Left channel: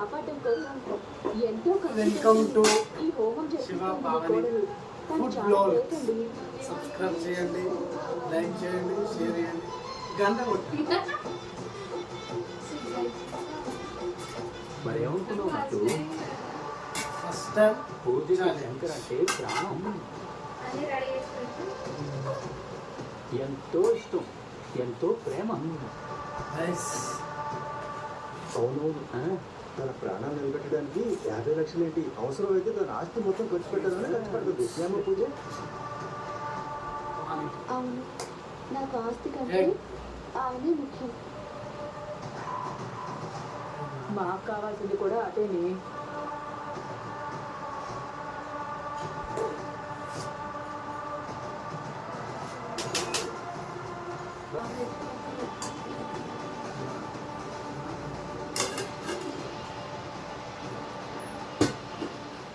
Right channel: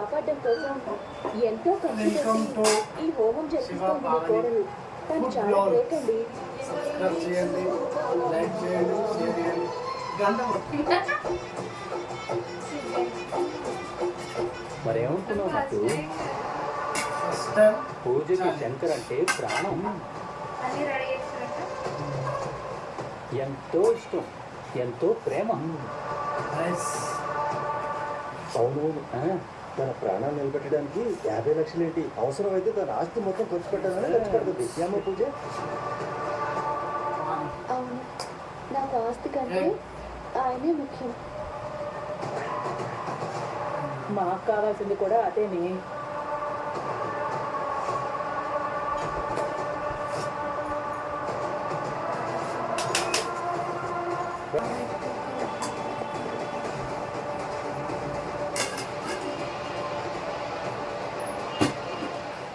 కాపాడడం కోసం ఎంతో ఖర్చు ఈ హోమం జరిపిస్తుంది. తను చాలా లేకండి. సబ్స్క్రైబ్ చేయండి, లైక్ చేయండి, షేర్ చేయండి, గంట కొట్టి. మరేమనుకున్నావు నాకు ఫస్ట్ టైం పూజకి శంకర్ అంటే ప్రాణం, ఎంతో ఇష్టం, ఎంతో ప్రేమ. అవును, తన ప్రాణాన్ని నిలబెట్టడానికి 50 లక్షలు ఏంటి, అవసరమైతే తన ఆస్తి మొత్తం ఖర్చు పెట్టాలని ఖర్చు పెడుతుంది. ఏమో పూజ? అవును, నాకు ఆస్తి కంటే ఆయనే ముఖ్యం. మాకు కావాల్సింది కూడా అదేనే.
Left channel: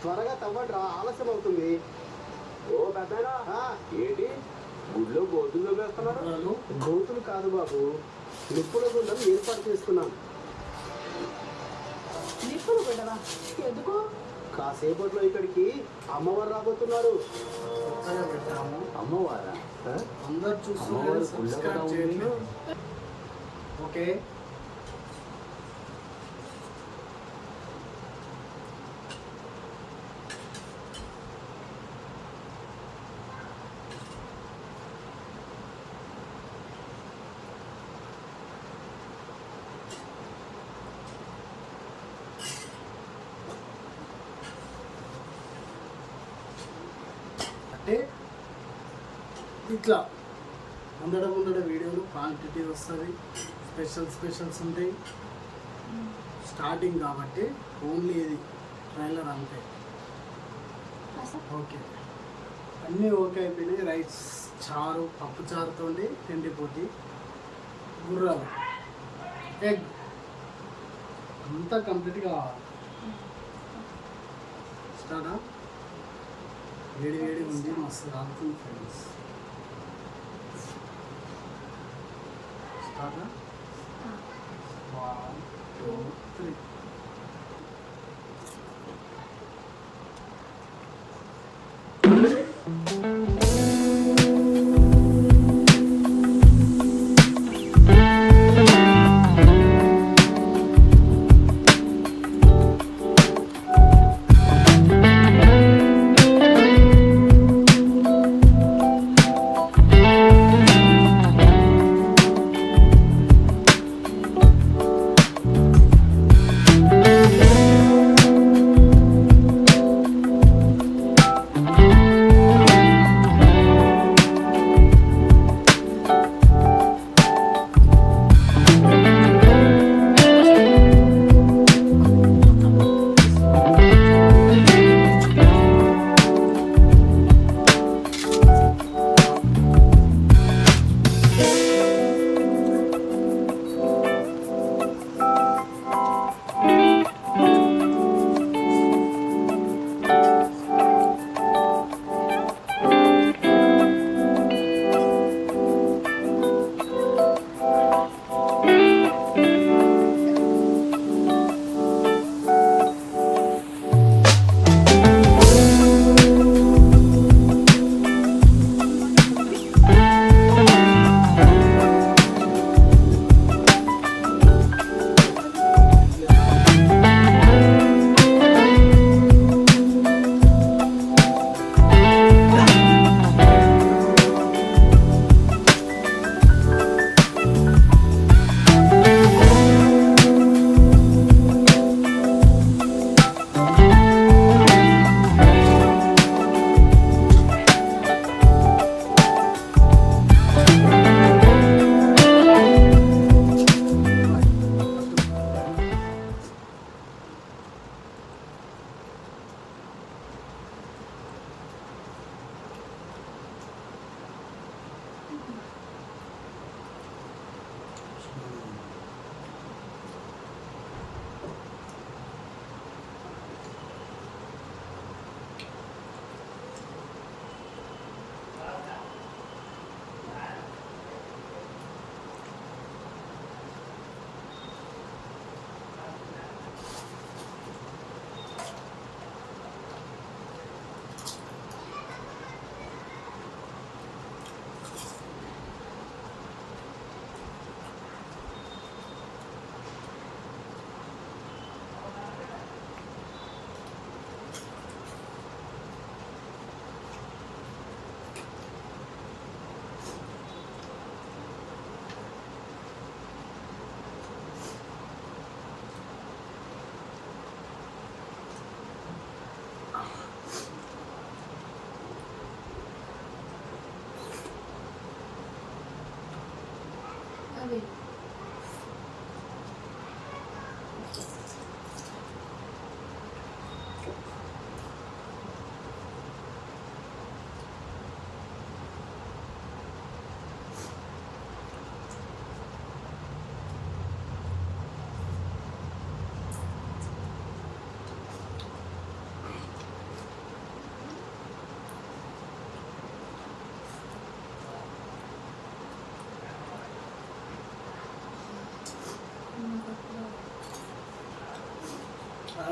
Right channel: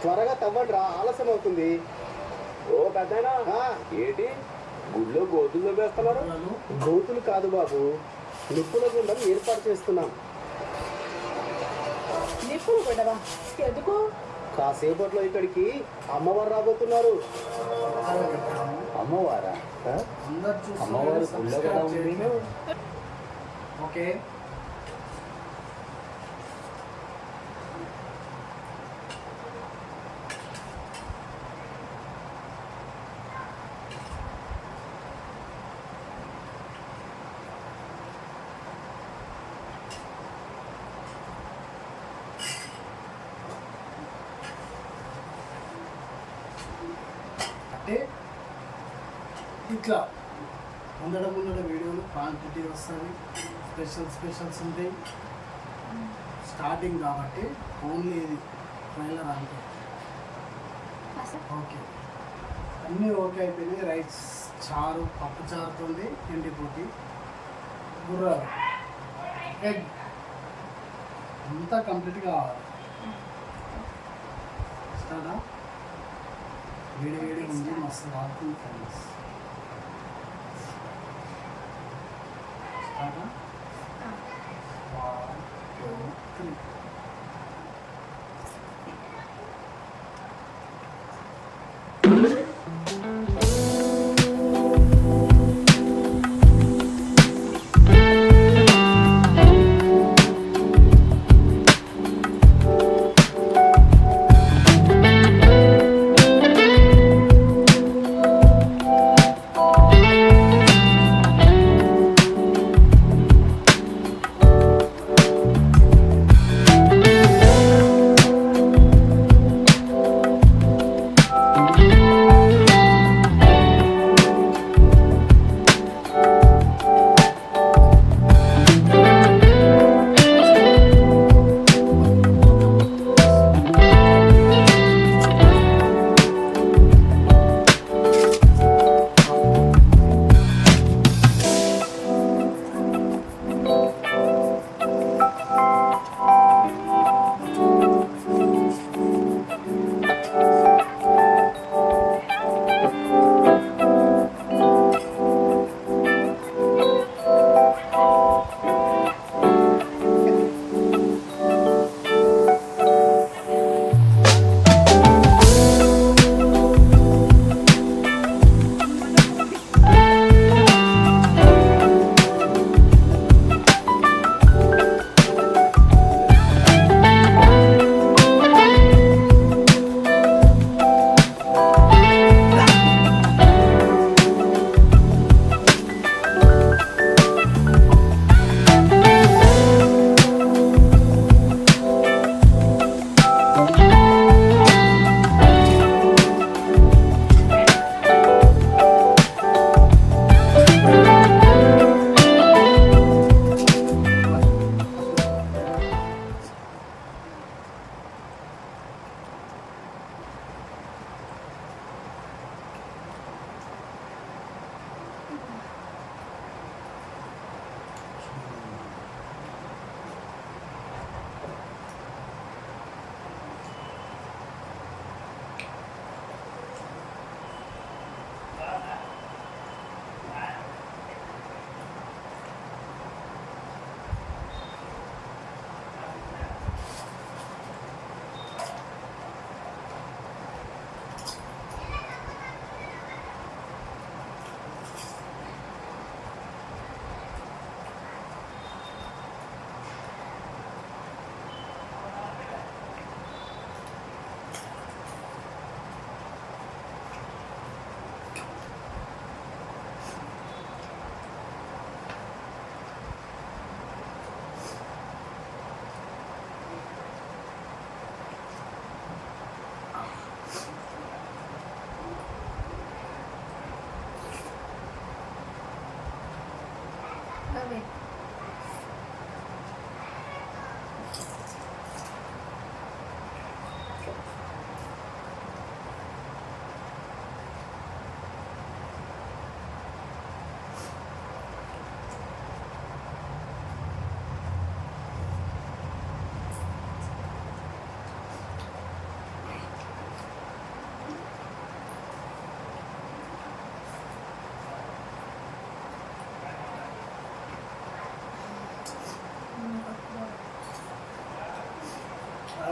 త్వరగా తవ్వండి, ఆలస్యం అవుతుంది. ఓ పెద్దనా ఏంటి గుడిలో గోతుల్లో వేస్తున్నారు? గోతులు కాదు బాబు, నిప్పుల గుండం ఏర్పాటు చేస్తున్నాం. నిప్పులు గొడవ ఎందుకు? కాసేపట్లో ఇక్కడికి అమ్మవారు రాబోతున్నారు. అమ్మవారా? అందరు చూస్తున్నారు, అమ్మవారు సబ్స్క్రైబ్ చేయండి. ఓకే, అంటే ఇట్లా ఉండడం వీడియోలు క్వాంటిటీ వస్తుంది, స్పెషల్స్ ఉంటాయి. స్టార్టింగ్ కాబట్టి ఓన్లీ ఇది ట్రైలర్ అంతే. ఓకే, అన్నీ ఓకే అయిపోయినాయి. రైస్, చారు, పప్పు చారుతో ఎండిపోతి, గుర్రాలు, ఎగ్ అంతా కంప్లీట్గా కావాలి. స్టార్టా? వేడి ఉంది, మస్తు కాలుతుంది ఫ్రెండ్స్. స్టార్టా? 1, 2, 3.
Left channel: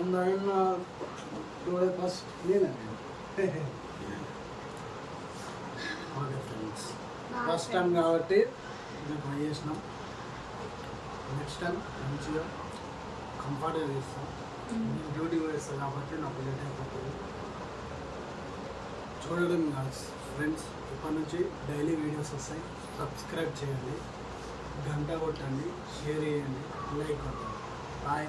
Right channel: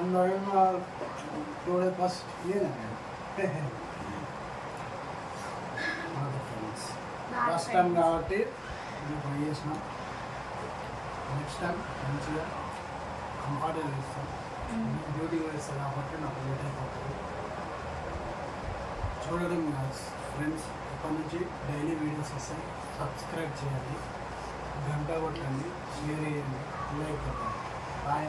అందరం టూడే ఫస్ట్ నేనండి ఫ్రెండ్స్ ఫస్ట్ టైం కాబట్టి మేము ట్రై చేసినాం. నెక్స్ట్ టైం మంచిగా కంఫర్ట్గా చేస్తాం. డ్యూటీగా వేస్తాం కాబట్టి నాకు లేట్ అయిపోతుంది. చూడడం కాదు ఫ్రెండ్స్, ఇప్పటి నుంచి డైలీ వీడియోస్ వస్తాయి. సబ్స్క్రైబ్ చేయండి, గంట కొట్టండి, షేర్ చేయండి, లైక్ కొట్టండి. బాయ్.